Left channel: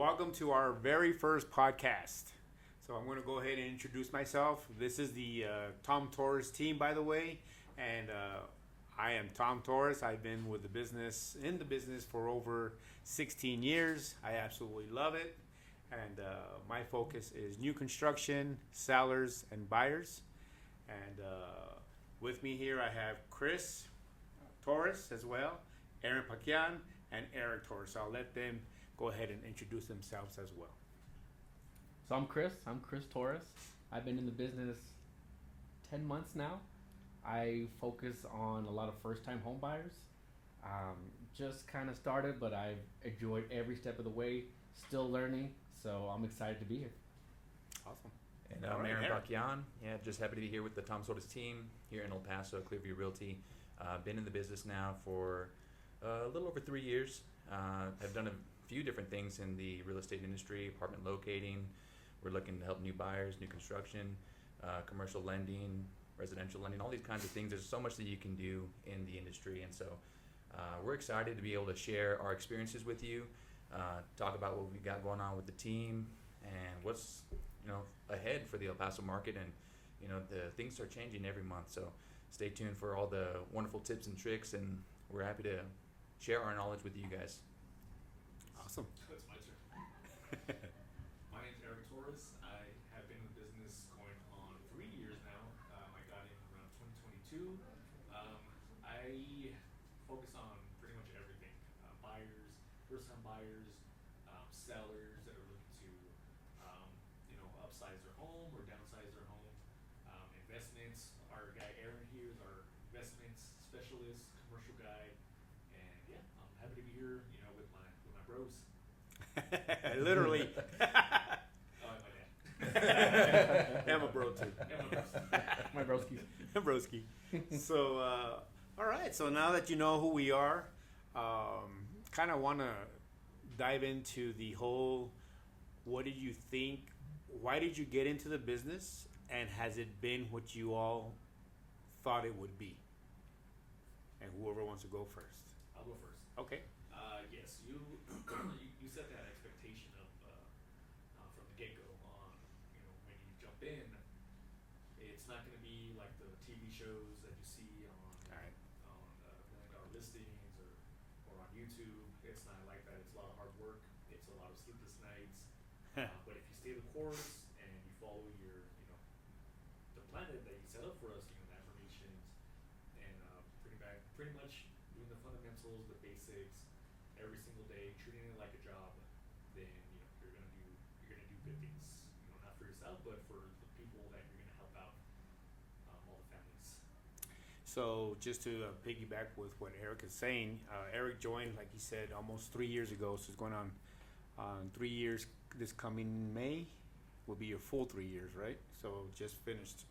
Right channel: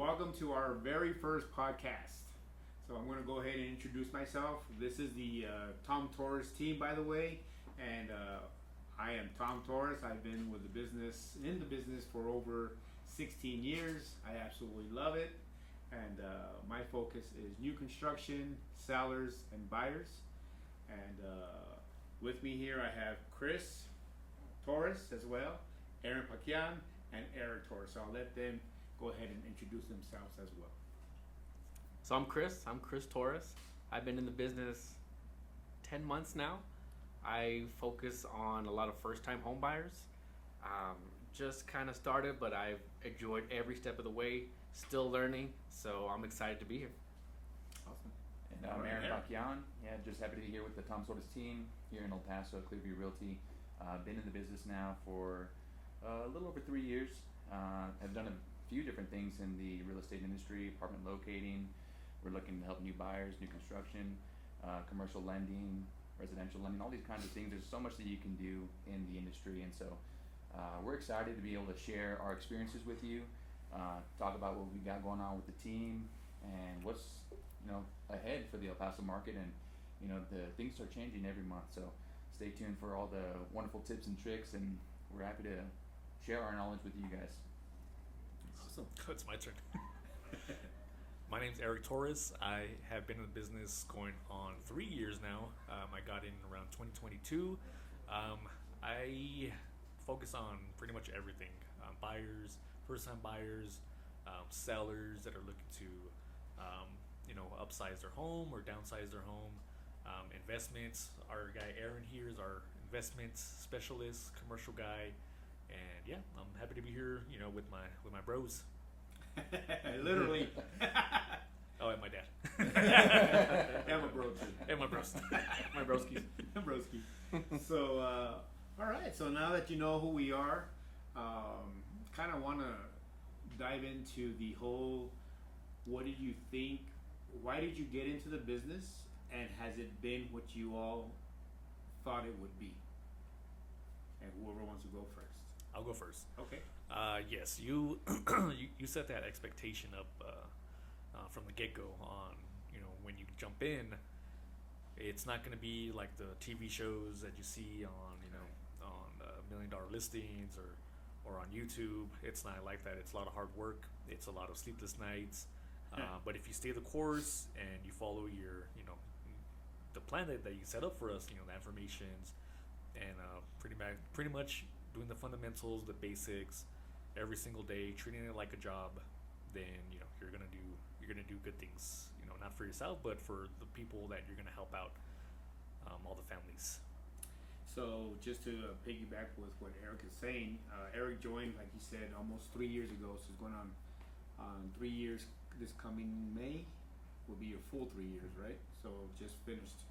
welcome to our very first podcast. So I'm going to go ahead and introduce myself. This is the Torres Team, by the way, and I am Tom Torres. I've been in the business for over 16 years. I absolutely love it, and my focus is new construction, sellers, and buyers. And with me here, I have Chris Torres as well, Aaron Paquian, and Eric Torres. So I'll let them go ahead and introduce themselves as well. So I'm Chris Torres. I've been in the business 10 months now. I focus on a lot of first-time home buyers. Just kind of started, but I've enjoyed every step of the way, still learning, so I'm excited to be here. Awesome. And I'm Aaron Paquian. Yeah, just happy to be here with the Torres Team here in El Paso, ClearView Realty. Been in the business now for a little over 3 years. I've done a few different things in the real estate industry, apartment locating. We're looking to help new buyers, new construction, commercial lending, residential lending, all these kinds of things. There's so much that you can do in the industry, and so we're excited to be able to share our experiences with you, talk about what we got going on with the team, and what's ahead for the El Paso market. And the things are changing every month, so stay tuned for all the wonderful tips and tricks, and we're happy to share our knowledge with you guys. Awesome. It's my turn. My name's Eric Torres. I have been in the business going on 3 years now. I got in around 2022. I focus on pretty much everything. Buyers, first-time buyers, sellers that are looking to upsize their home or downsize their home. Investments. Our guy Aaron here is our investments specialist, commercial guy. And yeah, I'm happy to be here, with my bros. Literally. Oh, and my dad. And my bro too. And my bros. My broski. Broski. So, all right. So now that you know who we are, kind of want to dive into the whole. What did you think? Why did you get into the business? And has it been what you all thought it would be? And whoever wants to go first. I'll go first. Okay. Yes, you you set that expectation up from the get-go on, when you jump in, it's not going to be like the TV shows that you see on, on $1 million listings or on YouTube. It's not like that. It's a lot of hard work. It's a lot of sleepless nights. But if you stay the course and you follow your, the plan that you set up for us, the affirmations, and pretty much doing the fundamentals, the basics, every single day, treating it like a job, then you're gonna do good things. Not for yourself, but for the people that you're gonna help out, all the families. So just to piggyback with what Eric is saying, Eric joined, like you said, almost 3 years ago. So it's going on 3 years. This coming May will be your full 3 years, right? So just finished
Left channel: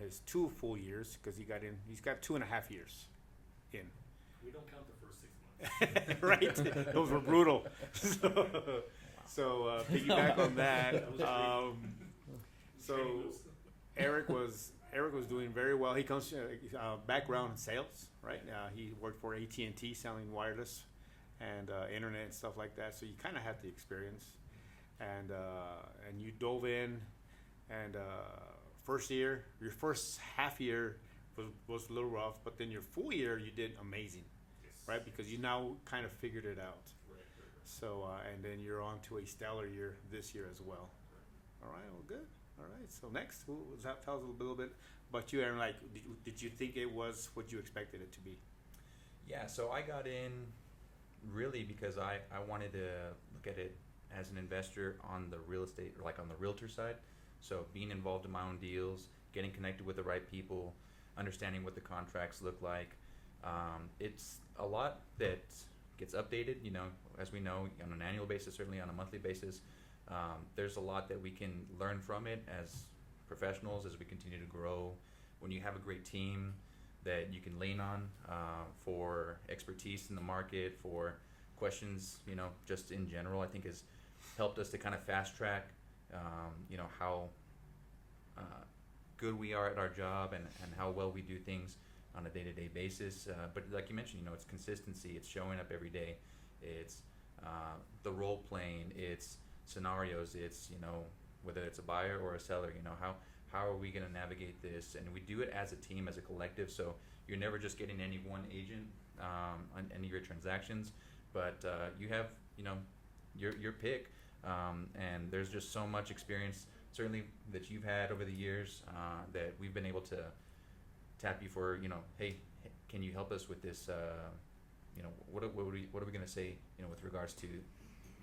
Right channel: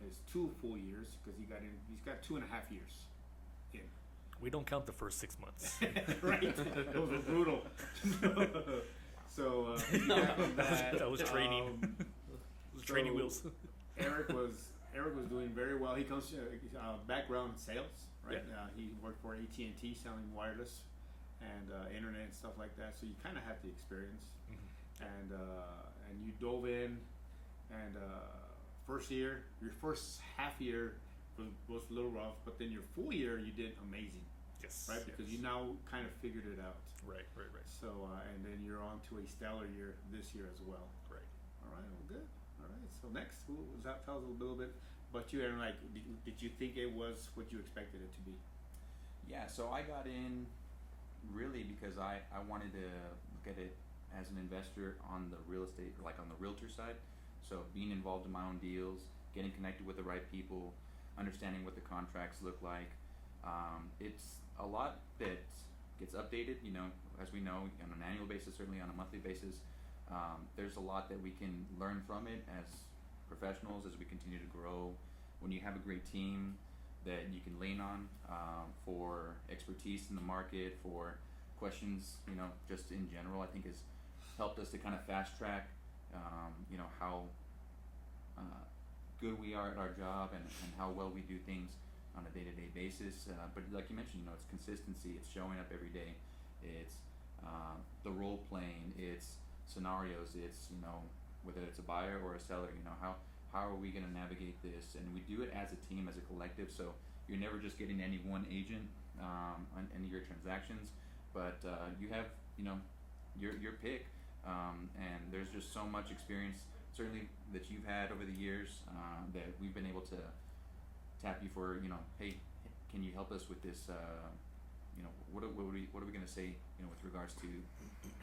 his 2 full years because he got in. He's got 2.5 years in. We don't count the first 6 months. Right? Those were brutal. So piggyback on that. That was training. Training wheels. Eric was doing very well. He comes background in sales, right? Yeah. He worked for AT&T selling wireless and internet and stuff like that. So you kind of have the experience, and you dove in, and your first half year was a little rough, but then your full year you did amazing. Yes. Right, because you now kind of figured it out. Right. So and then you're on to a stellar year this year as well. Right. All right, well, good. All right, so next, tell us a little bit about you, Aaron. Like, did you think it was what you expected it to be? Yeah, so I got in really because I wanted to look at it as an investor on the real estate, like on the realtor side. So being involved in my own deals, getting connected with the right people, understanding what the contracts look like. It's a lot that gets updated, as we know, on an annual basis, certainly on a monthly basis. There's a lot that we can learn from it as professionals as we continue to grow. When you have a great team that you can lean on for expertise in the market, for questions, just in general, I think has helped us to kind of fast track, how good we are at our job and how well we do things on a day-to-day basis. But like you mentioned, it's consistency. It's showing up every day. It's the role playing, it's scenarios, it's whether it's a buyer or a seller, how are we going to navigate this, and we do it as a team, as a collective. So you're never just getting any one agent on any of your transactions, but you have your pick, and there's just so much experience certainly that you've had over the years that we've been able to tap you for, hey, can you help us with this, what are we going to say, with regards to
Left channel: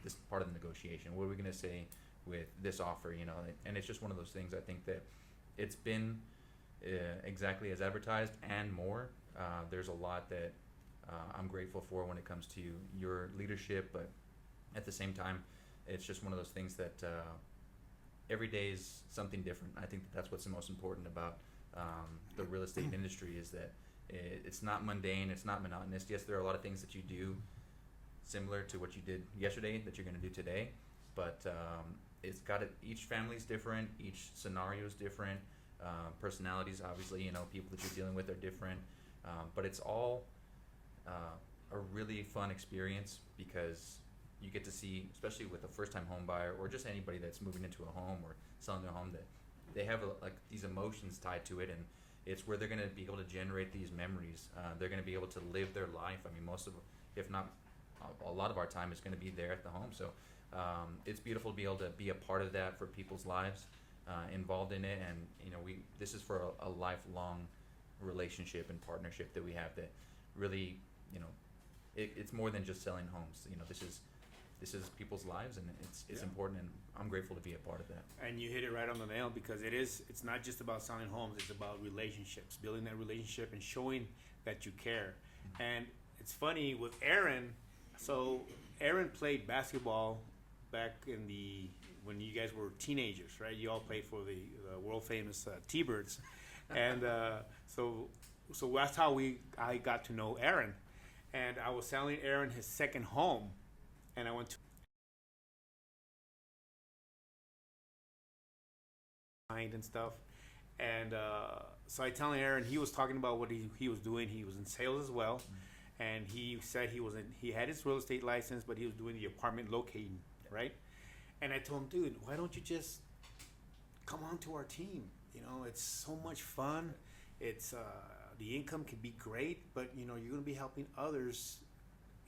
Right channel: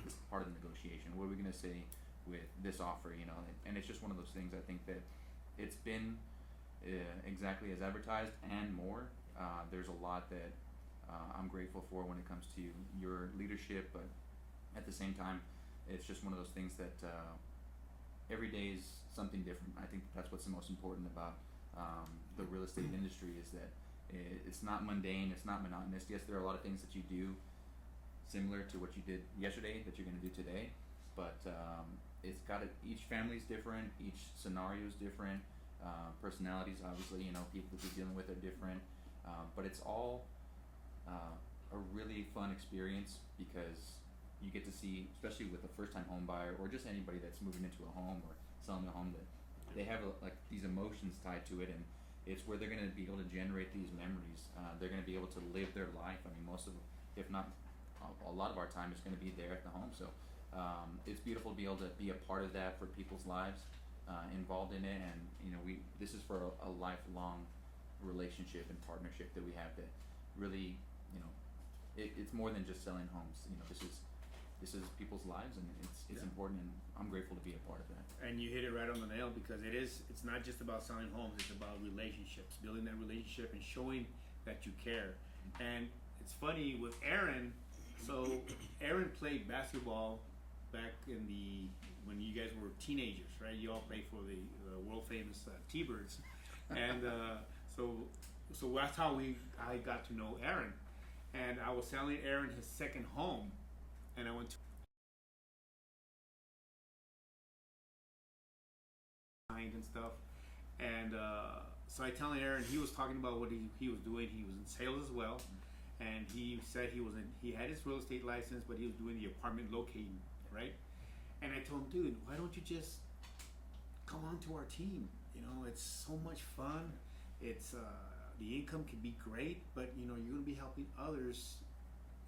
this part of the negotiation, what are we going to say with this offer, and it's just one of those things. I think that it's been exactly as advertised and more. There's a lot that I'm grateful for when it comes to your leadership, but at the same time, it's just one of those things that every day is something different. I think that's what's the most important about the real estate industry, is that it's not mundane, it's not monotonous. Yes, there are a lot of things that you do similar to what you did yesterday that you're going to do today, but it's got each family's different, each scenario is different, personalities, obviously, people that you're dealing with are different, but it's all a really fun experience, because you get to see, especially with a first-time home buyer or just anybody that's moving into a home or selling a home, that they have these emotions tied to it, and it's where they're going to be able to generate these memories. They're going to be able to live their life. I mean, most of, if not a lot of our time, is going to be there at the home. So it's beautiful to be able to be a part of that for people's lives, involved in it, and this is for a lifelong relationship and partnership that we have, that really, it's more than just selling homes. This is people's lives, and it's important, and I'm grateful to be a part of that. And you hit it right on the nail, because it's not just about selling homes, it's about relationships, building that relationship and showing that you care. And it's funny with Aaron, so Aaron played basketball back when you guys were teenagers, right? You all played for the world famous T-Birds. And so that's how I got to know Aaron. And I was selling Aaron his second home, and I went to and stuff, and so I telling Aaron, he was talking about what he was doing. He was in sales as well, and he said he had his real estate license, but he was doing the apartment locating, right? And I told him, dude, why don't you just come on to our team? It's so much fun. It's the income can be great, but you're going to be helping others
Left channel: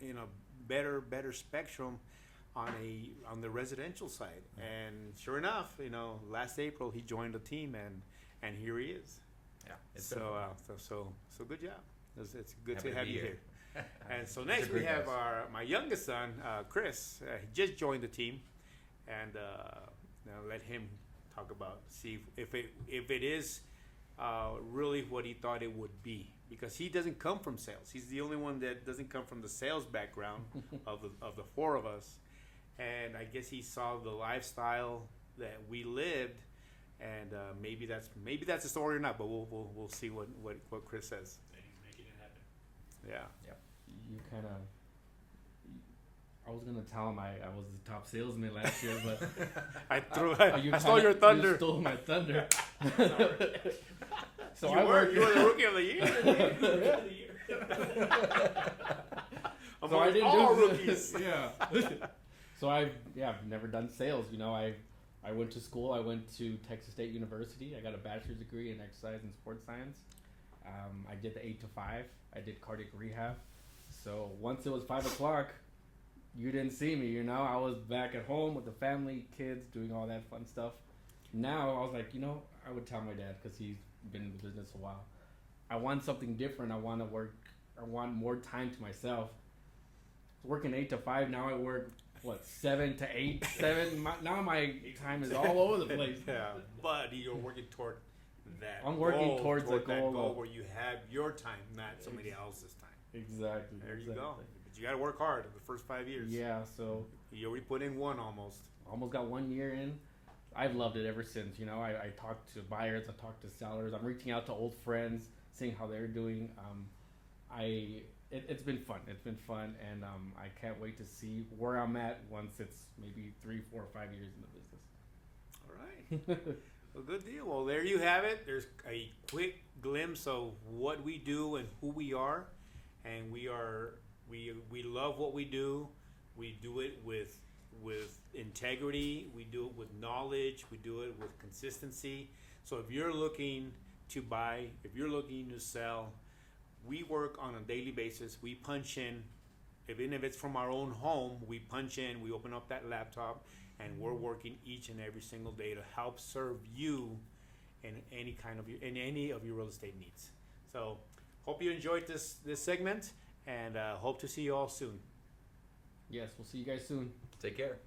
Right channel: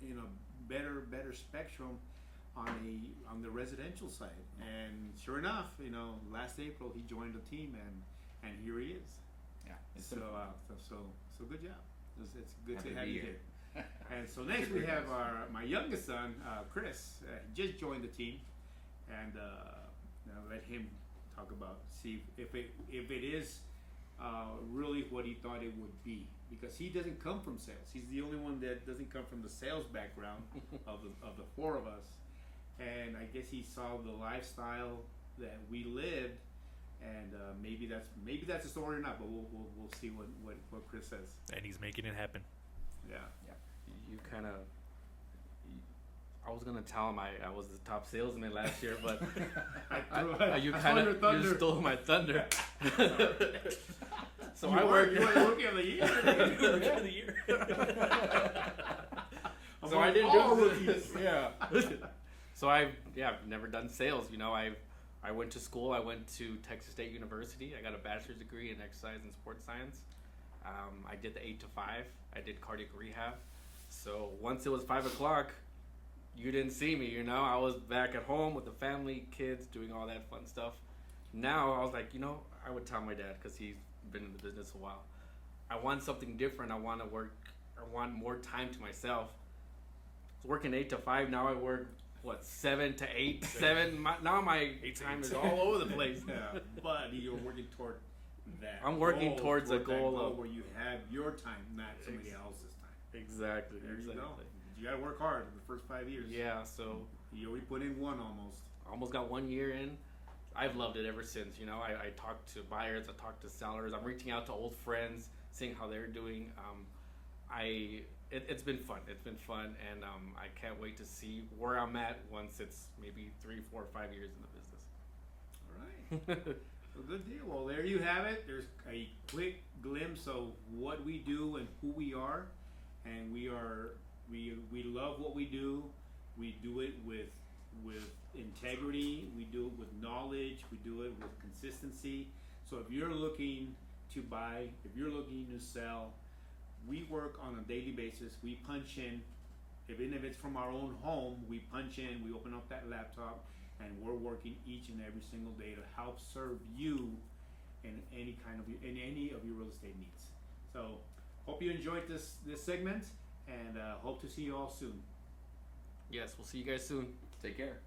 in a better spectrum on the residential side. And sure enough, last April he joined the team, and here he is. Yeah. So good job. It's good Happy to to have be you here. here. And so next we great have guys. my youngest son, Chris. He just joined the team, and now let him talk about, see if it is really what he thought it would be, because he doesn't come from sales. He's the only one that doesn't come from the sales background of the four of us, and I guess he saw the lifestyle that we lived, and maybe that's a story or not, but we'll see what Chris says. And he's making it happen. Yeah. You kind of. I was gonna tell him I was the top salesman last year, but I stole your thunder. You stole my thunder. So you I work. You were the rookie of the year. Rookie of the year. So I didn't all do rookies. Yeah. So I've never done sales. I went to school. I went to Texas State University. I got a bachelor's degree in exercise and sports science. I did the 8 to 5. I did cardiac rehab. So once it was 5 o'clock, you didn't see me. I was back at home with the family, kids, doing all that fun stuff. Now I was like, I would tell my dad, because he's been in the business a while. I want something different. I want to work. I want more time to myself. I was working 8 to 5. Now I work 7 to 8. Now my time is all over the place. Yeah, but you're working toward that. I'm working towards that a goal where you have your time, not somebody else's time. Exactly. There you go. But you got to work hard in the first 5 years. Yeah. So You already put in one almost. almost got 1 year in. I've loved it ever since. I talk to buyers, I talk to sellers. I'm reaching out to old friends, seeing how they're doing. It's been fun. It's been fun, and I can't wait to see where I'm at once it's maybe 3, 4, 5 years in the business. All right. Well, good deal. Well, there you have it. There's a quick glimpse of what we do and who we are, and we love what we do. We do it with integrity. We do it with knowledge. We do it with consistency. So if you're looking to buy, if you're looking to sell, we work on a daily basis. We punch in, even if it's from our own home, we punch in, we open up that laptop, and we're working each and every single day to help serve you in any of your real estate needs. So hope you enjoyed this segment, and hope to see you all soon. Yes, we'll see you guys soon. Take care.